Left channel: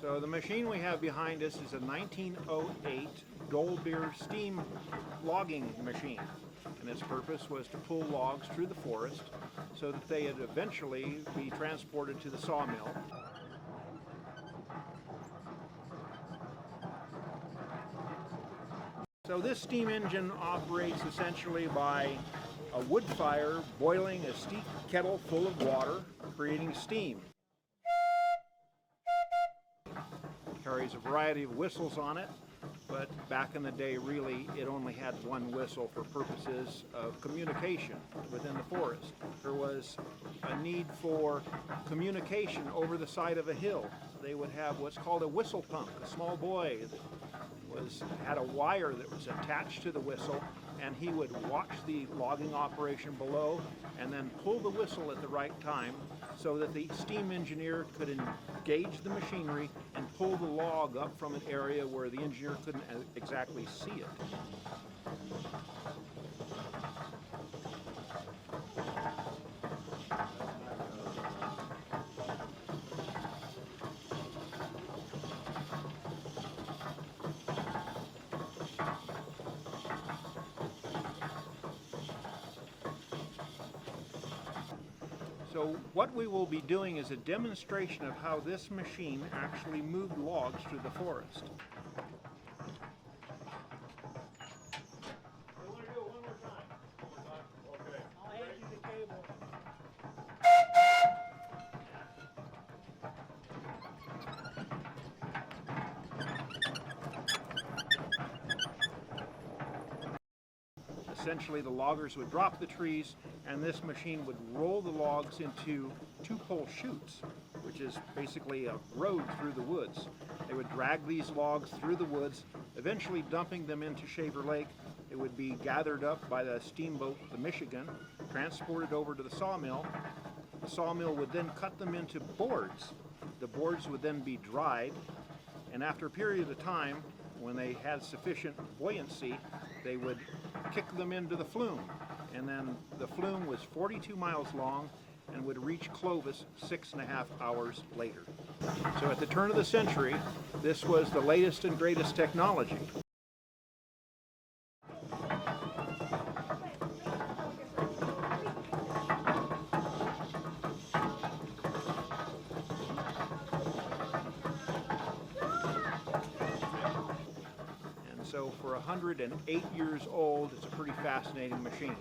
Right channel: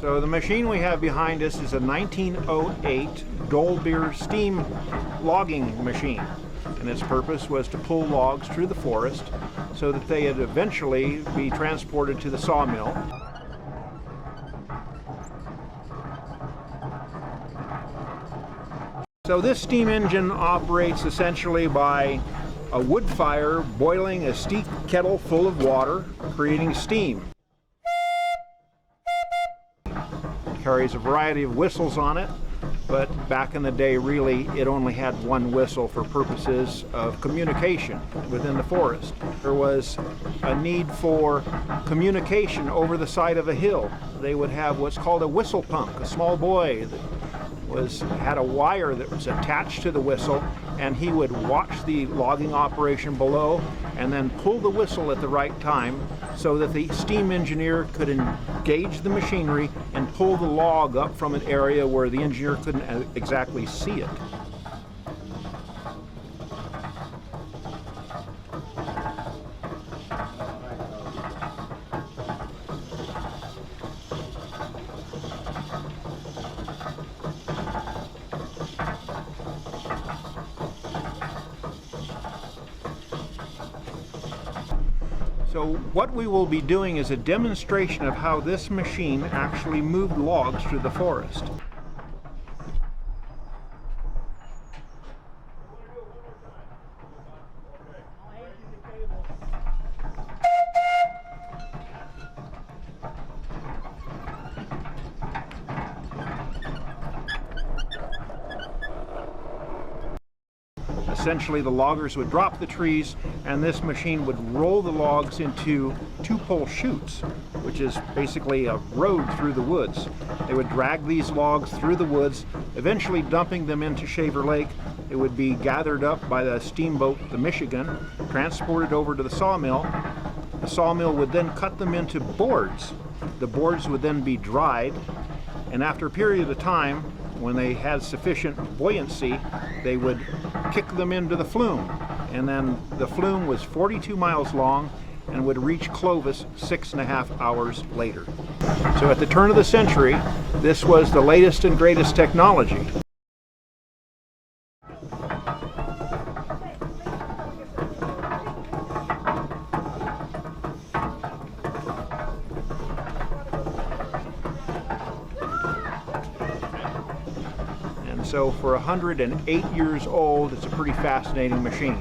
So the machine we have behind us is a 1908 Dolbeer steam logging machine, and its purpose was to pull logs through the forest so that they would eventually be transported to the sawmill. So this steam engine operates essentially by a wood fire boiling a steep kettle full of water, creating steam. It carries a variety of whistles on it, but back in the day really it only had one whistle for purposes of communication within the forest. There was a need for communication over the side of a hill. They would have what's called a whistle punk, a small boy that had a wire that was attached to the whistle, and he would watch the logging operation below and then pull the whistle at the right time so that the steam engineer could engage the machinery and pull the log up from an area where the engineer couldn't exactly see it. So what we will be doing is a demonstration of how this machine actually moved logs through the forest. Essentially, the loggers would drop the trees, and this machine would roll the logs into two-pole chutes, which is basically a road through the woods. They would drag these logs through the woods, eventually dumping them into Shaver Lake. It would be gathered up by the steamboat, the Michigan, transported over to the sawmill. The sawmill would then cut them into boards. The boards would then be dried, and after a period of time, when they had sufficient buoyancy, they would kick them into the flume. And then the flume was 42 miles long and would reach Clovis 6.5 hours later. So at the turn of the century, this was the latest and greatest technology. So for 108 years old, it's a pretty fascinating machine.